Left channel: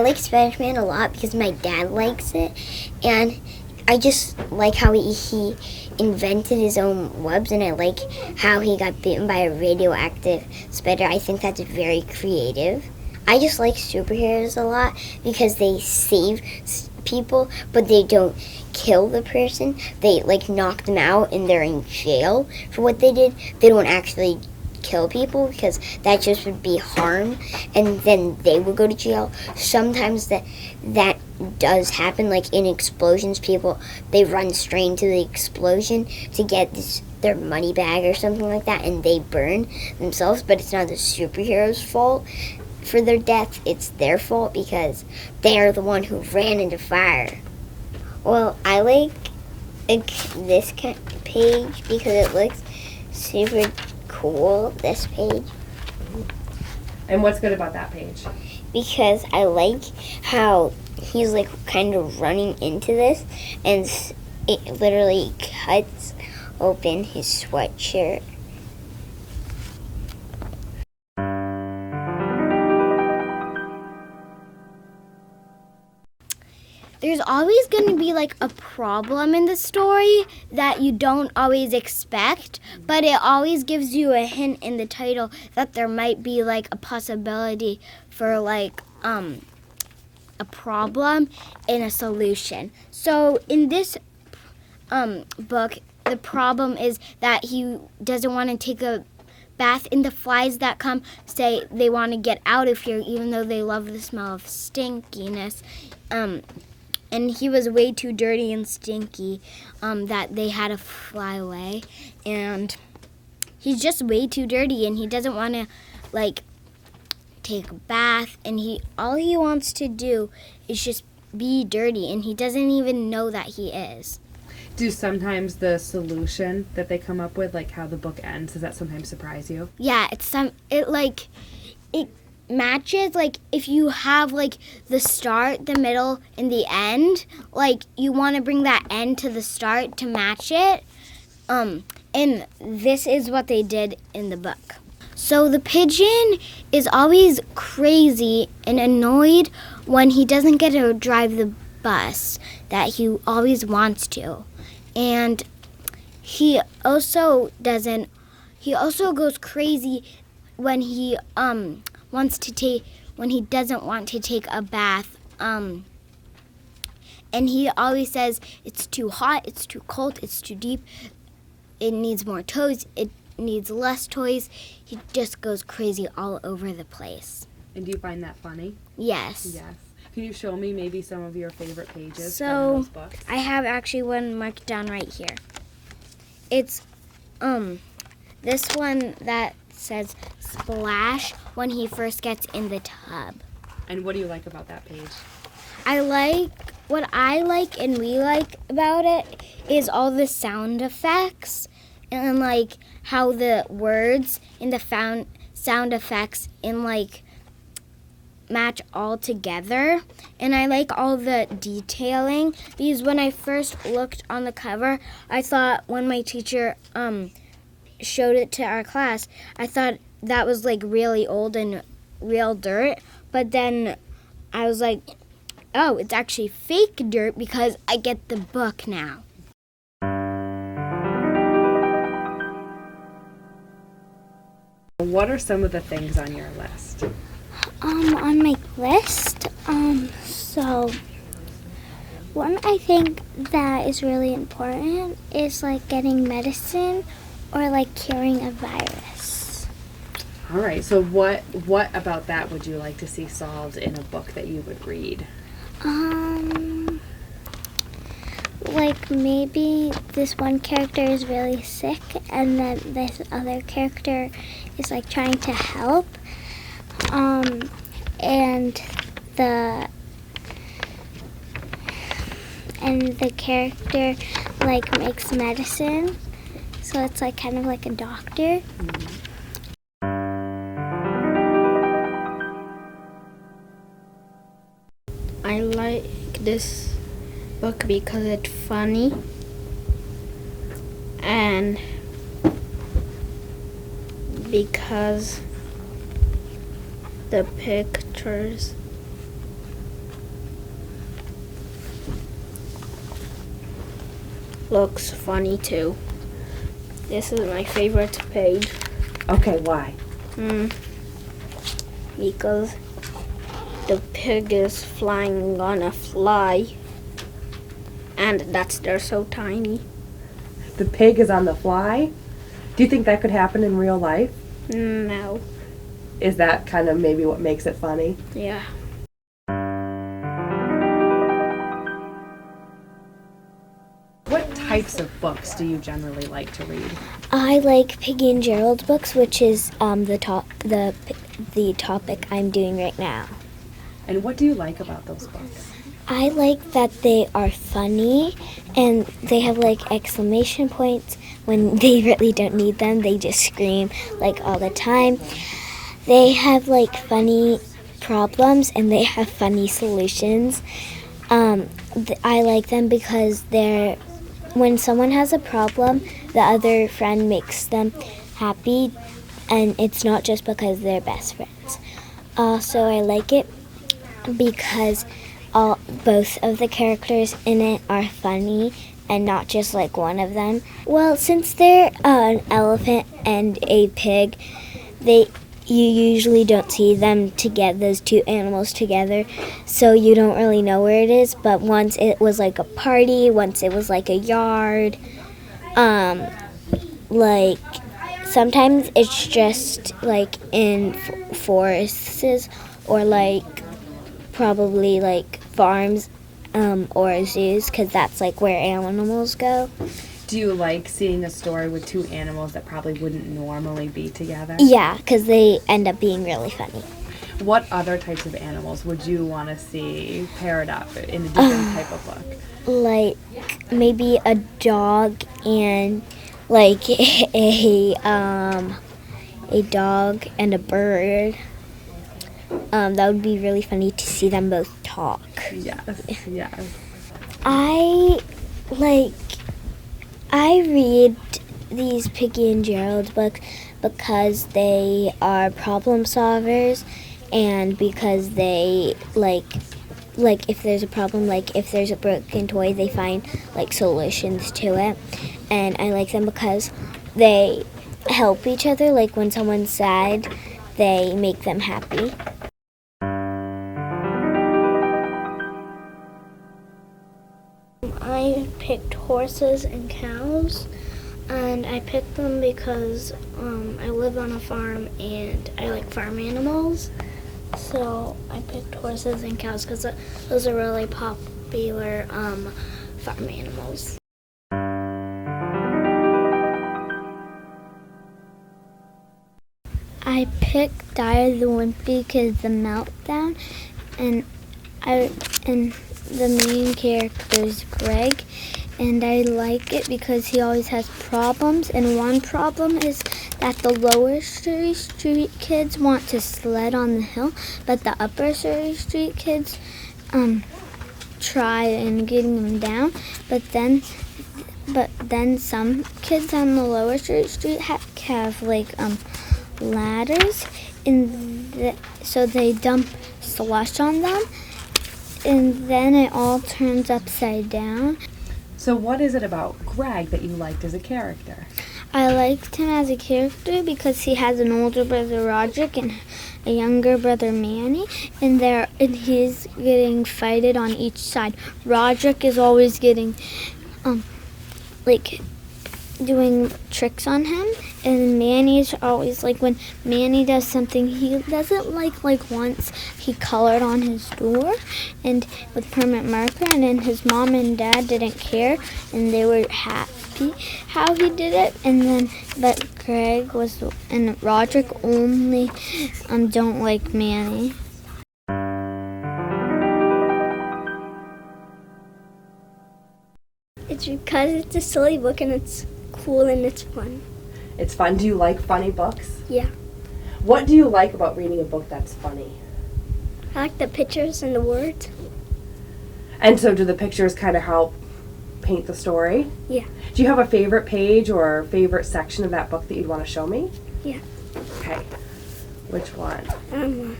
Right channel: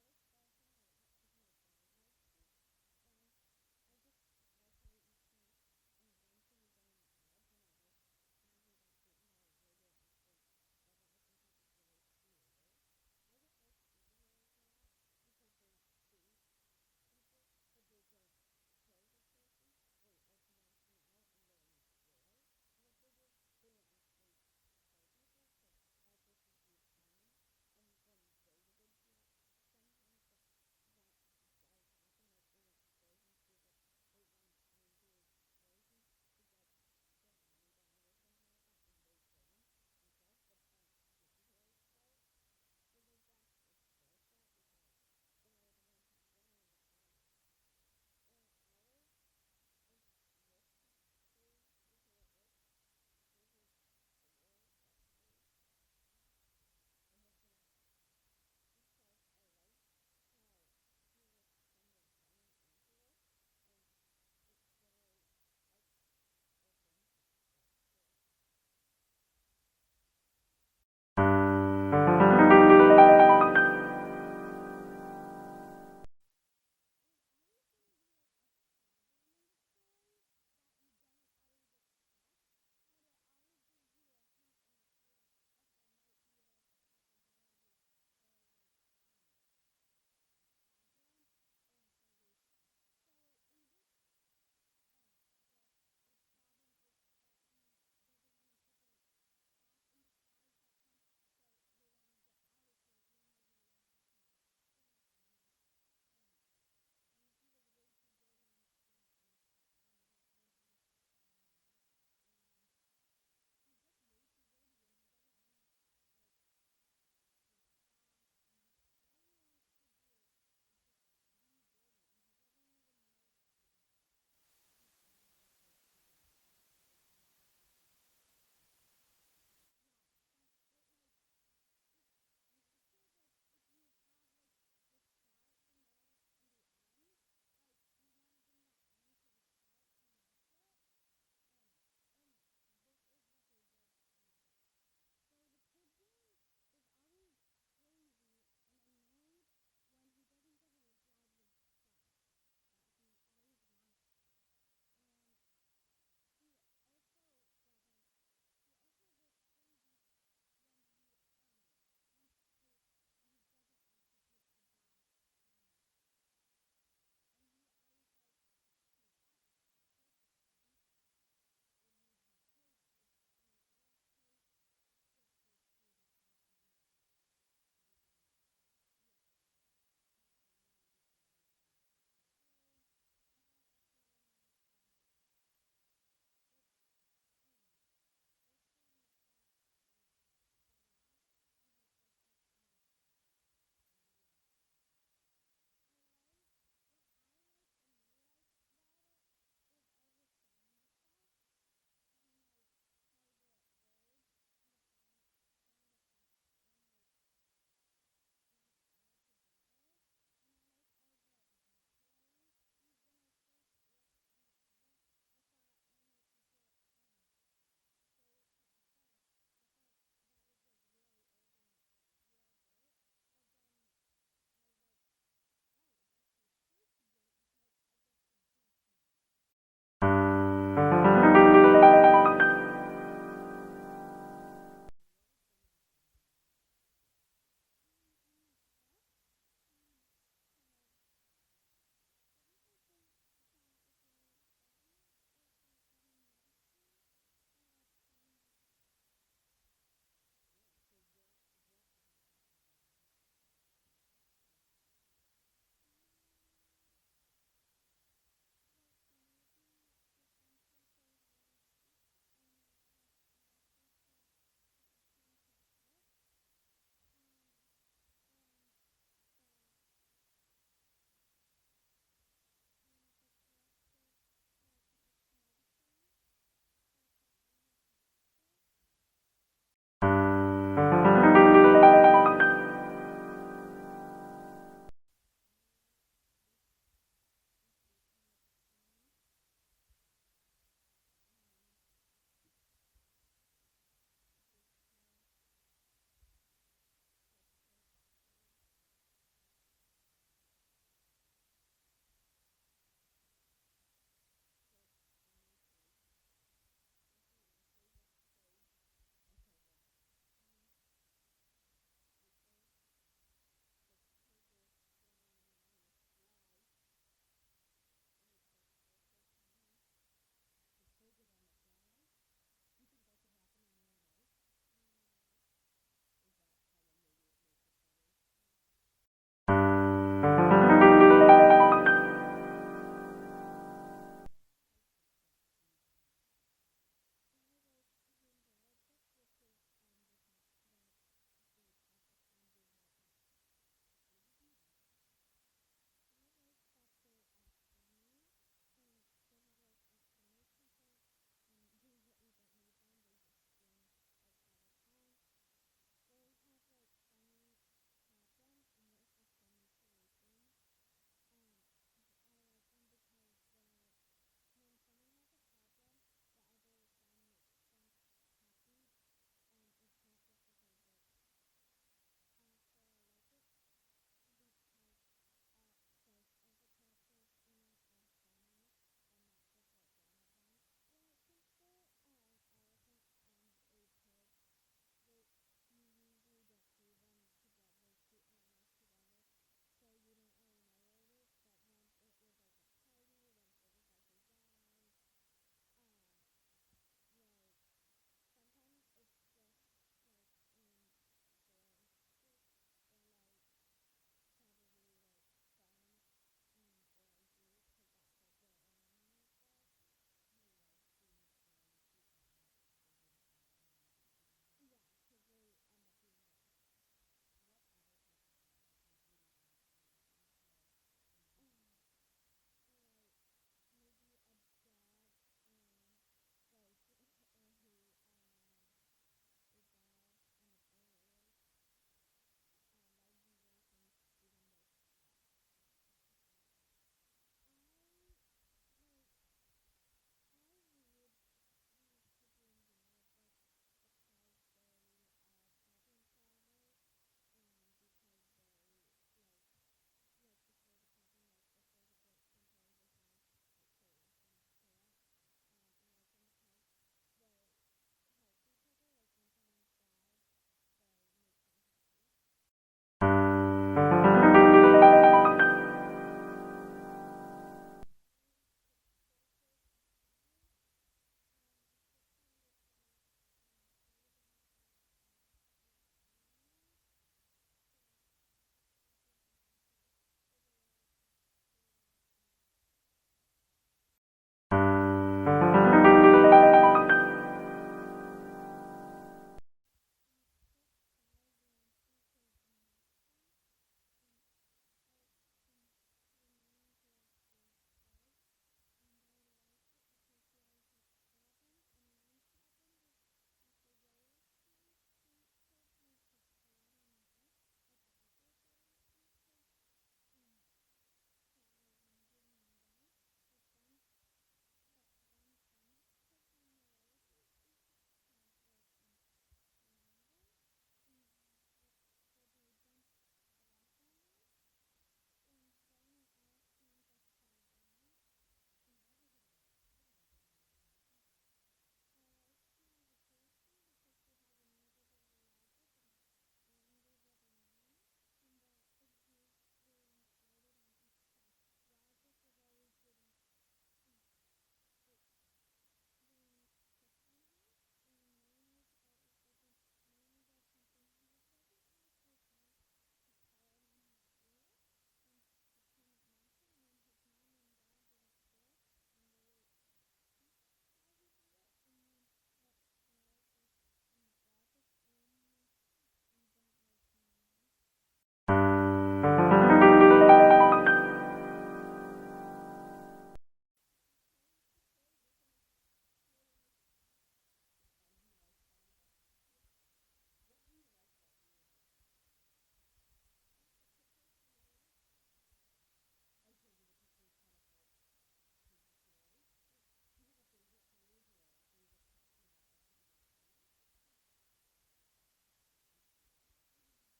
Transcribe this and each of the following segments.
I like Spider-Man a lot because my dad likes it, and I just like how he invented his own webs, and I like how he got bitten by a radioactive spider. I think that's very creative. I just like superheroes a lot because they save people, but they don't kill the person. They knock them out and they're in jail for what they did. They don't actually kill people because that just would be harm, and then they would go to jail. Sometimes that does happen, like in explosions. People, they run straight into the explosion to get their money bag or something like that, and they burn themselves, but it's not the superhero's fault for their death. It's their fault because they are the one who ran into fire. Well, I like this page because it looks super cool, this page. And what's good about that page? Because I like how he's kind of running into this, and it literally cuts open his sweatshirt. There's always going to be a problem in the story that you don't always expect, but it always gives you a hint in the title that there might be a possibility for a problem and a solution. So in this book, the problem is that he doesn't want to take a bath, and the flies that come say they want to get out of here even though they love the smell of stinkiness. And he was way too dirty and stinky that they had to fly away. And he's just way too dirty, and he doesn't want to take a bath, and all he wants to do is just be dirty, and he doesn't even know that he is. Do sometimes the solution that they come up with, how the book ends, does that sometimes surprise you? Yeah, it matches, if you have the start, the middle, and the end, you want to bring that end to the start to match it. And this is what they did in the book. So the pigeon is always crazy and annoyed when he doesn't get to drive the bus that he always wants to. And he also goes crazy when he when he doesn't want to take a bath, and he always says it's too hot, it's too cold, it's too deep, it needs more toys, it needs less toys. He just goes crazy all over the place. And do you find that funny? Yes. Yes. Can you show me maybe some of your favorite pages from So those books? I have actually one marked down right here. It's this one that says splash when he first gets in the tub. And what do you like about that page? What I like and we like about it is all the sound effects, and how the words in the sound effects in match all together. And I like all the detailing, because when I first looked on the cover, I thought when my teacher showed it to our class, I thought that was really old and real dirt, but then I was like, oh, it's actually fake dirt because I get the book now. What are some of the things on your list? On my list, so one I think that is really important is getting medicine or curing a virus. All right, so what about that would you like to see solved in a book that you would read? Maybe this one character is really sick, and then this other character is trying to help, and the character makes medicine, so it's kind of like a doctor. Mm-hmm. I like this book because it's funny and because the pictures looks funny too. This is my favorite page. Okay, why? Because the pig is flying on a fly, and they're so tiny. The pig is on the fly? Do you think that could happen in real life? No. Is that kind of maybe what makes it funny? Yeah. What types of books do you generally like to read? I like Piggy and Gerald's books, which is the topic I'm doing right now. And what do you like about those books? I like that they are funny and they have like exclamation points when they really don't need them. They just scream like all the time. They have like funny problems and they have funny solutions. I like them because when someone has a problem, the other friend makes them happy, and it's not just because they're best friends. Also, I like it because both of the characters in it are funny and not just like one of them. Well, since they're an elephant and a pig, you usually don't see them together, those two animals together, so you don't really know where it is. But once it was like a party, once it was like a yard, like sometimes it's just like in forests or like probably like farms or zoos, because that's like where animals go. Do you like seeing a story with two animals that probably wouldn't normally be together? Yeah, because they end up being really funny. What other types of animals would you want to see paired up in a different type of book? Like maybe a dog and like a dog and a bird. That would be really funny to see them both talk. Yes, yes. I read these Piggy and Gerald books because they are problem solvers, and because they like if there's a problem, like if there's a broken toy, they find like solutions to it. And I like them because they help each other. Like when someone's sad, they make them happy. I picked horses and cows, and I picked them because I live on a farm and I like farm animals. So I picked horses and cows because those are really popular farm animals. I picked Dire the Wimpy because the meltdown, and the main character is Greg, and I like it because he always has problems, and one problem is that the lower Surrey Street kids want to sled on the hill, but the upper Surrey Street kids try and getting them down, but then some kids on the lower Surrey Street have like ladders, and so they dump slush on them, and then it all turns upside down. So what is it about Greg that you liked as a character? I liked him as a character because he has an older brother, Roderick, and a younger brother, Manny, and he's getting fighted on each side. Roderick is always getting doing tricks on him, and Manny's always when Manny does something he doesn't like once he colored on his door and with permanent marker, and then his mom and dad didn't care and they were happy how he did it, but Greg and Roderick only don't like Manny. It's because it's a silly book and it's cool and it's fun. It's fun. Do you like funny books? Yeah. What do you like about reading a book that's funny? I like the pictures and the words. And so do the pictures kind of help paint the story? Yeah. Do you have a favorite page or favorite section of that book that you'd want to show me? Yeah. Okay. Which one?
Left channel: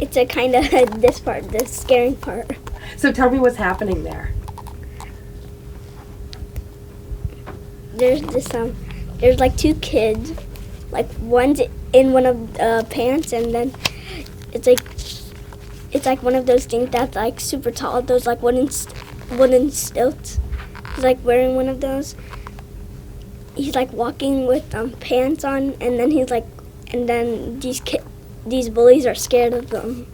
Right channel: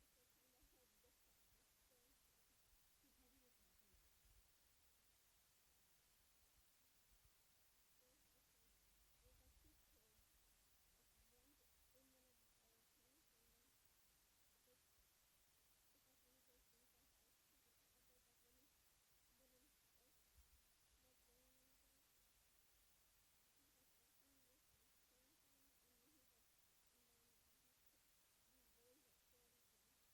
It's a kind of this part, the scary part. So tell me what's happening there. there's like two kids, like one's in one of the pants, and then it's like one of those things that's like super tall, those like wooden stilts. He's like wearing one of those. He's like walking with pants on, and then these bullies are scared of them.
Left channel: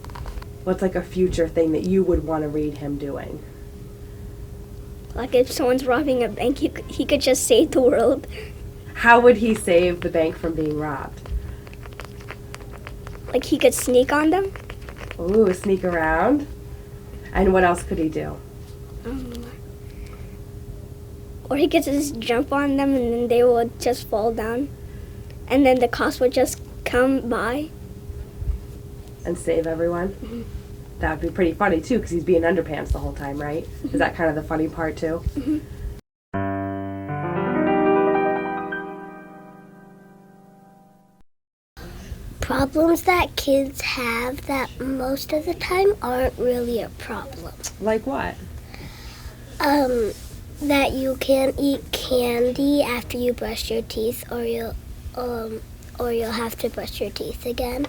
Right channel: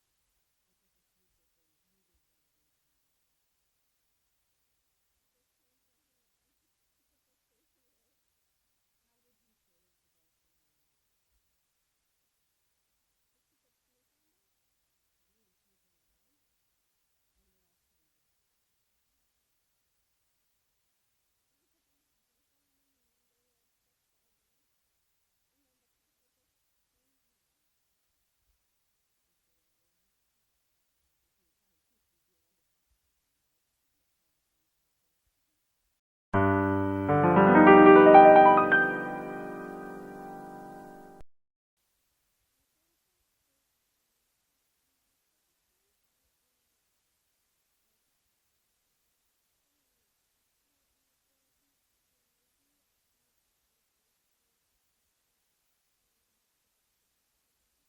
What's like a future thing that you would want to read him doing? Like if someone's robbing a bank, he could just save the world. How would he save the bank from being robbed? Like he could sneak on them. Ooh, sneak around. And what else could he do? Or he could just jump on them and then they would just fall down. And then the cops would just come by. And save everyone? Mm-hmm. That would be pretty funny too, because he's being underpants the whole time, right? Mm-hmm. Is that kind of the funny part too? Mm-hmm. Problems that kids have that most of the time aren't really a problem. Like what? That you can't eat candy after you brush your teeth, or you'll have to brush your teeth again.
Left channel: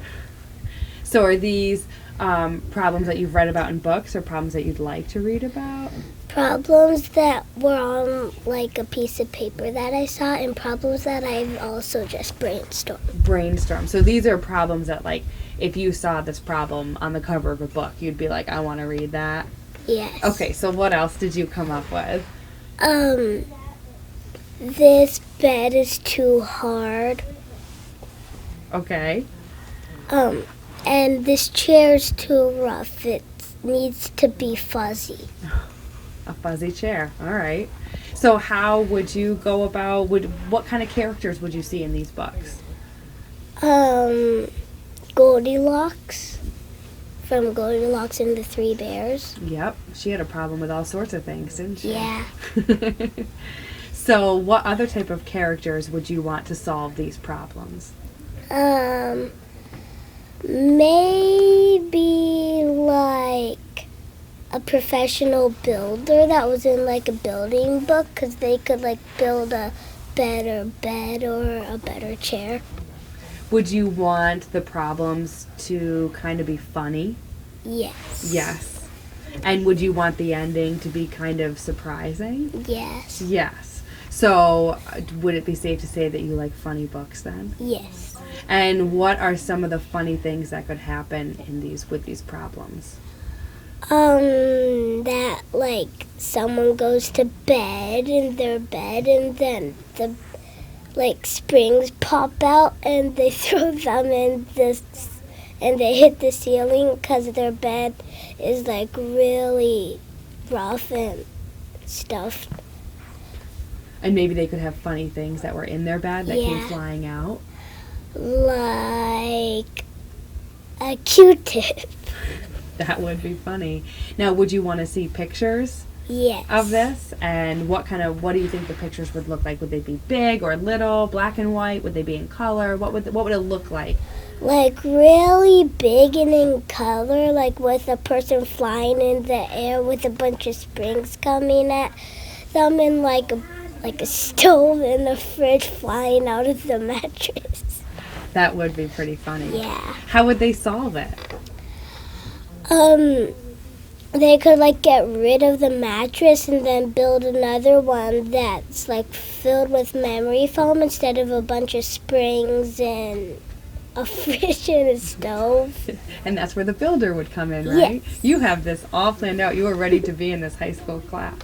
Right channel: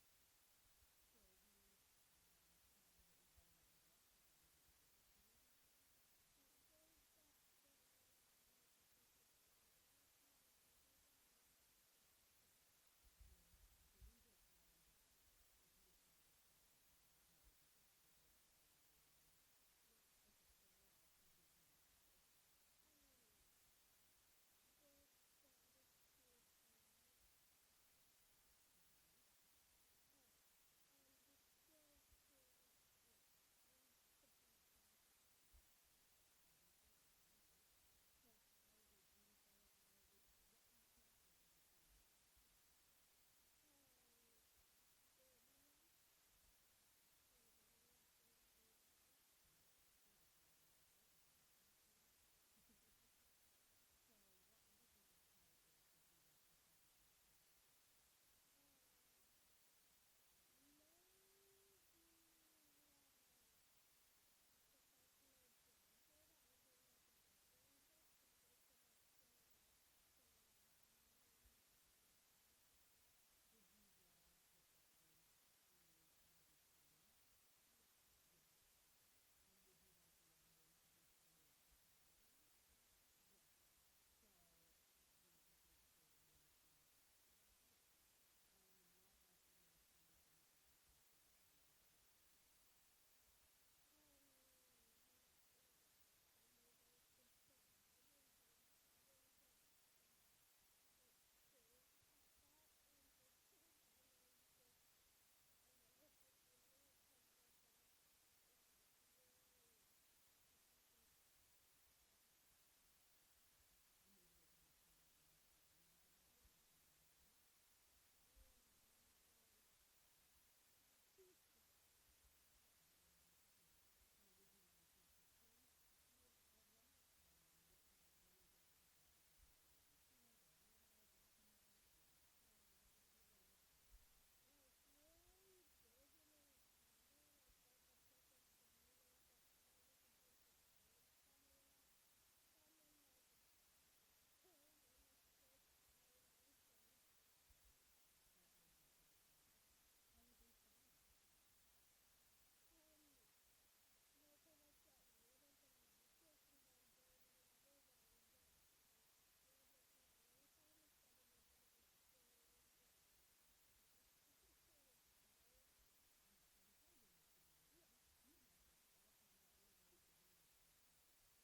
So are these problems that you've read about in books, or problems that you'd like to read about? Problems that were on like a piece of paper that I saw, and problems that I've also just brainstormed. Brainstorm. So these are problems that, like, if you saw this problem on the cover of a book, you'd be like, I want to read that. Yes. Okay, so what else did you come up with? This bed is too hard. Okay. And this chair's too rough. It needs to be fuzzy. A fuzzy chair. All right. So how would you go about, what kind of characters would you see in these books? Goldilocks from Goldilocks and the Three Bears. Yep. She had a problem with all sorts of things, didn't she? Yeah. So what other type of characters would you want to solve these problems? Maybe like a professional builder that was in like a building book, because they could like build a better bed or a better chair. Would you want the problems to kind of be funny? Yes. Yes. And would you want the ending to be kind of surprising? Yes. Yes. So would it be safe to say that you like funny books then? Yes. And what are some of the funny things that could happen with these problems? That like someone goes to bed in their bed, and then the like springs pop out and they throw them in this, and they hit the ceiling because their bed is like really rough and stuffed. And maybe they could have funny things that were in their bed that came Yeah. flying out. Like a Q-tip. That would be funny. Now, would you want to see pictures Yes. of this? And what do you think the pictures would look like? Would they be big or little, black and white? Would they be in color? What would it look like? Like really big and in color, like with a person flying in the air with a bunch of springs coming at them, and like a stove and a fridge flying out of the mattress. That would be pretty funny. Yeah. How would they solve it? They could like get rid of the mattress and then build another one that's like filled with memory foam instead of a bunch of springs and a fridge and a stove. And that's where the builder would come in, right? Yes. You have this all planned out. You are ready to be in this high school class.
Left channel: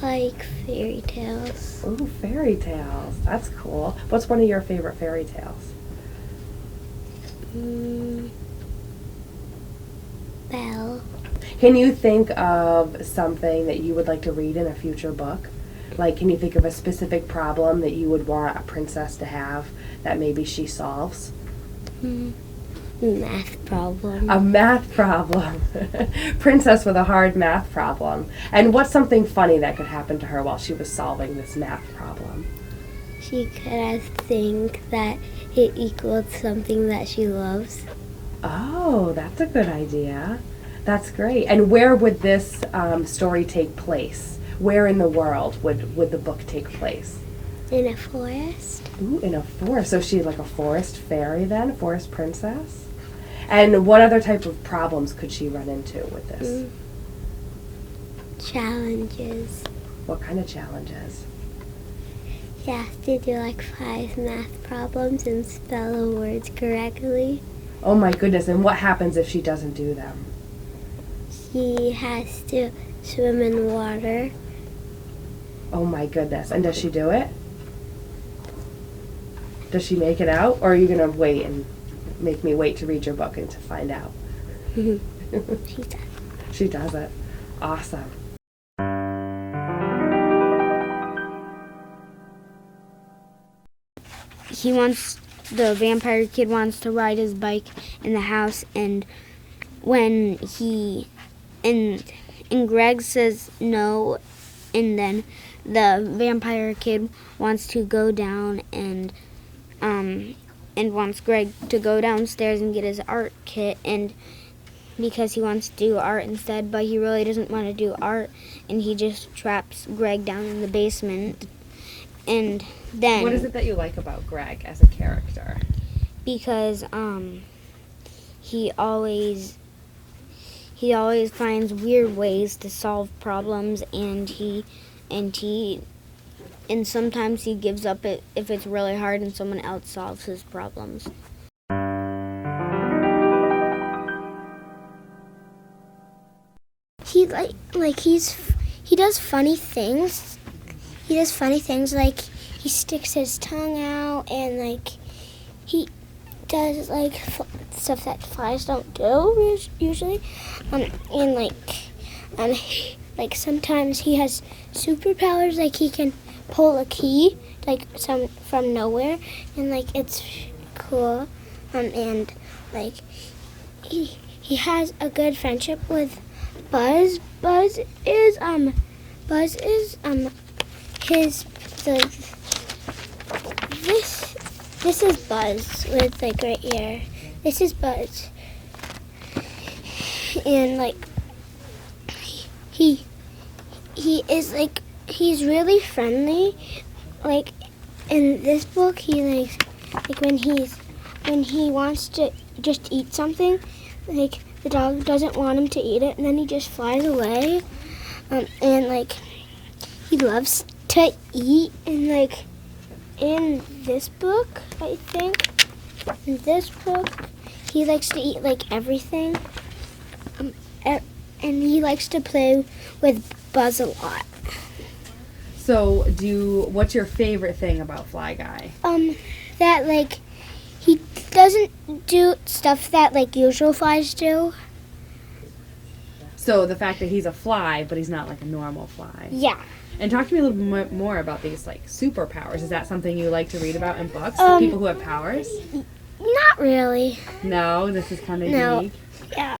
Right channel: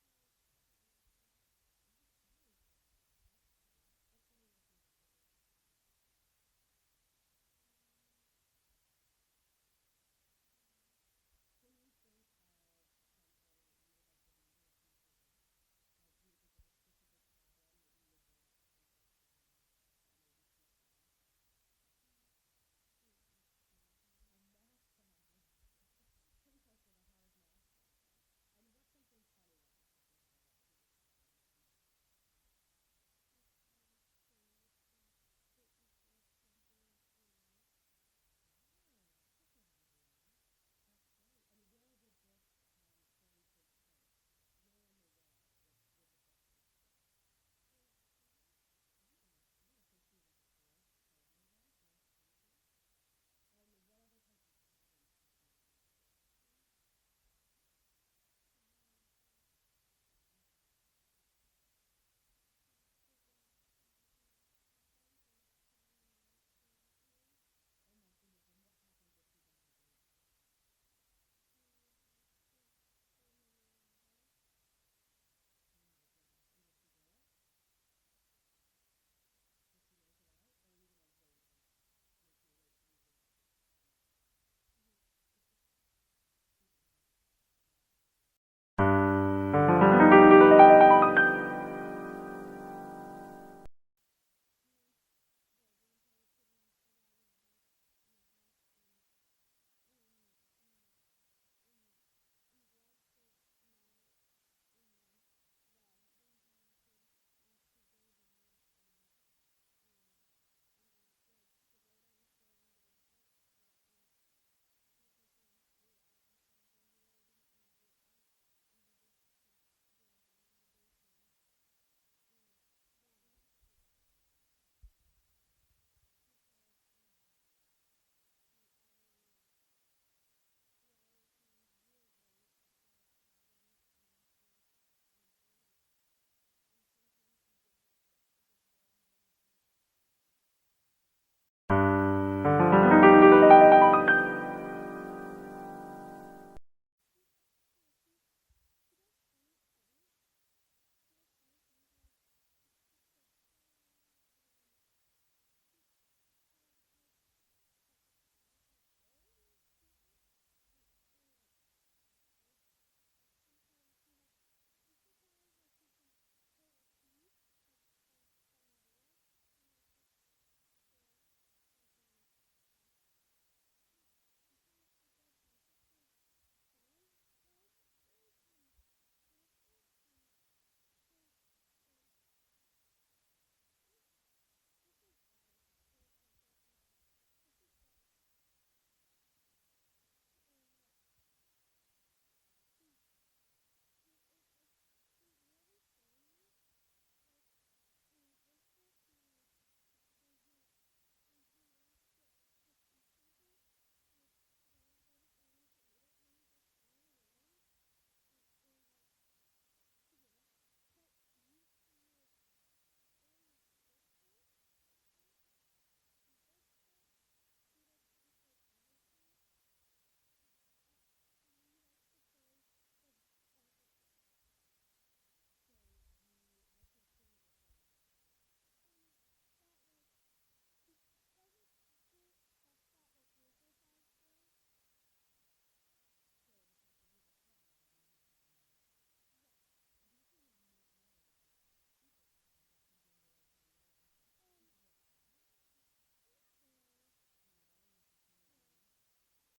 Like fairy tales. Ooh, fairy tales. That's cool. What's one of your favorite fairy tales? Belle. Can you think of something that you would like to read in a future book? Like, can you think of a specific problem that you would want a princess to have that maybe she solves? Math problem. A math problem. Princess with a hard math problem. And what's something funny that could happen to her while she was solving this math problem? She could think that it equals something that she loves. Oh, that's a good idea. That's great. And where would this story take place? Where in the world would the book take place? In a forest. Ooh, in a forest. So she's like a forest fairy then, a forest princess? And what other type of problems could she run into with this? Challenges. What kind of challenges? You have to do like 5 math problems and spell the words correctly. Oh my goodness, and what happens if she doesn't do them? She has to swim in water. Oh my goodness, and does she do it? Does she make it out, or are you going to wait and make me wait to read your book and to find out? She does. She does it. Awesome. The vampire kid wants to ride his bike in the house, and when and Greg says no, and then the vampire kid wants to go down and wants Greg to go downstairs and get his art kit, and because he wants to do art instead, but he really doesn't want to do art, and he just traps Greg down in the basement. And then What is it that you like about Greg as a character? because he always finds weird ways to solve problems, and sometimes he gives up if it's really hard and someone else solves his problems. He he does funny things. He does funny things like he sticks his tongue out, and like he does like stuff that flies don't do usually. And like sometimes he has superpowers, like he can pull a key like some from nowhere, and like it's cool. And like he has a good friendship with Buzz. Buzz is this is Buzz with the great ear. This is Buzz, and like he is like he's really friendly. Like in this book, he like when he wants to just eat something, like the dog doesn't want him to eat it, and then he just flies away. And like he loves to eat, and like in this book, I think in this book he likes to eat like everything, and he likes to play with Buzz a lot. So, what's your favorite thing about Fly Guy? That like he doesn't do stuff that like usual flies do. So the fact that he's a fly, but he's not like a normal fly. Yeah. And talk to me a little bit more about these like superpowers. Is that something you like to read about in books? People who have powers? Not really. No, this is kind of No. unique. Yeah.